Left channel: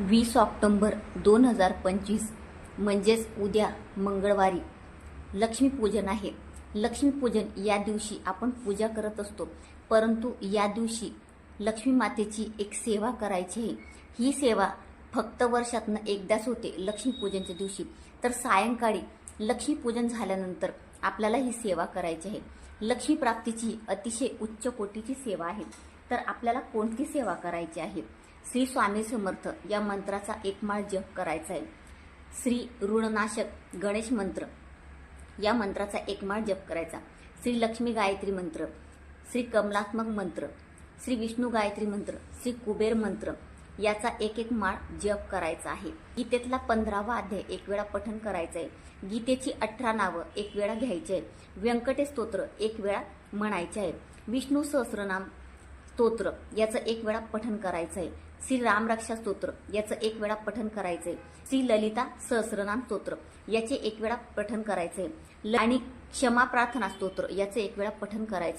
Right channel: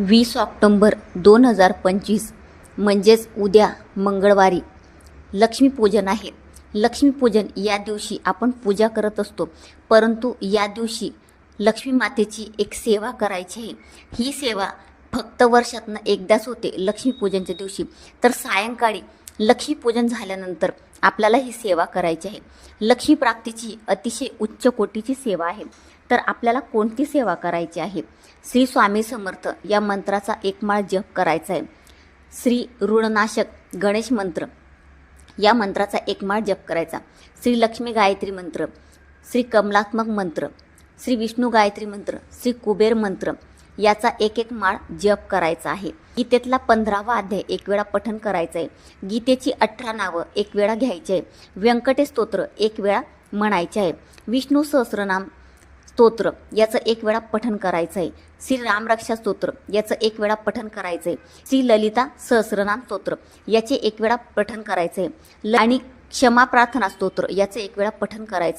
20 October 2025 म्हणजेच उद्या मंगळवारी लक्ष्मीपूजन आहे. लक्ष्मीपूजन या दिवशी आपण पूजा करत असतो, परंतु या दिवशी लक्ष्मी मातेची एक सेवा करायची आहे. ही सेवा फक्त वर्षातनं एकदाच होते लक्ष्मीपूजनच्या दिवशी. तर सायंकाळी लक्ष्मीपूजन झाल्यानंतर आपल्याला ही सेवा करायची आहे. लक्ष्मी प्राप्तीची अतिशय उच्च कोटीची सेवा आहे. तर आपल्याला कोणती सेवा करायची आहे? श्री स्वामी समर्थ या मंत्राचा एक माळ जप करायचा आहे. श्री ऋणनाशक गणेश मंत्र या मंत्राचा एक माळ जप करायचा. श्री लक्ष्मी गायत्री मंत्र, श्री कमलात्मक मंत्र, श्री विष्णू गायत्री मंत्र, श्री कुबेर मंत्र याचा एक माळ जप करायचा आहे. गीतेतला 15वा अध्याय एक वेळा पठण करायचं आहे. गीतेची 18 नावं एक वेळा घ्यायची आहे. व्यंकटेश स्तोत्र एक वेळा म्हणायचे आहे. विष्णू सहस्रनाम स्तोत्र याचं एक वेळा पठण करायचं आहे. श्री रामरक्षा स्तोत्र याचं एक वेळा पठण करायचं आहे. श्री ललिता सहस्रनाम स्तोत्र याचे एक वेळा पठण करायचं आहे. आणि क्षमा प्रार्थना स्तोत्र याचं एक वेळा पठण करायचं आहे.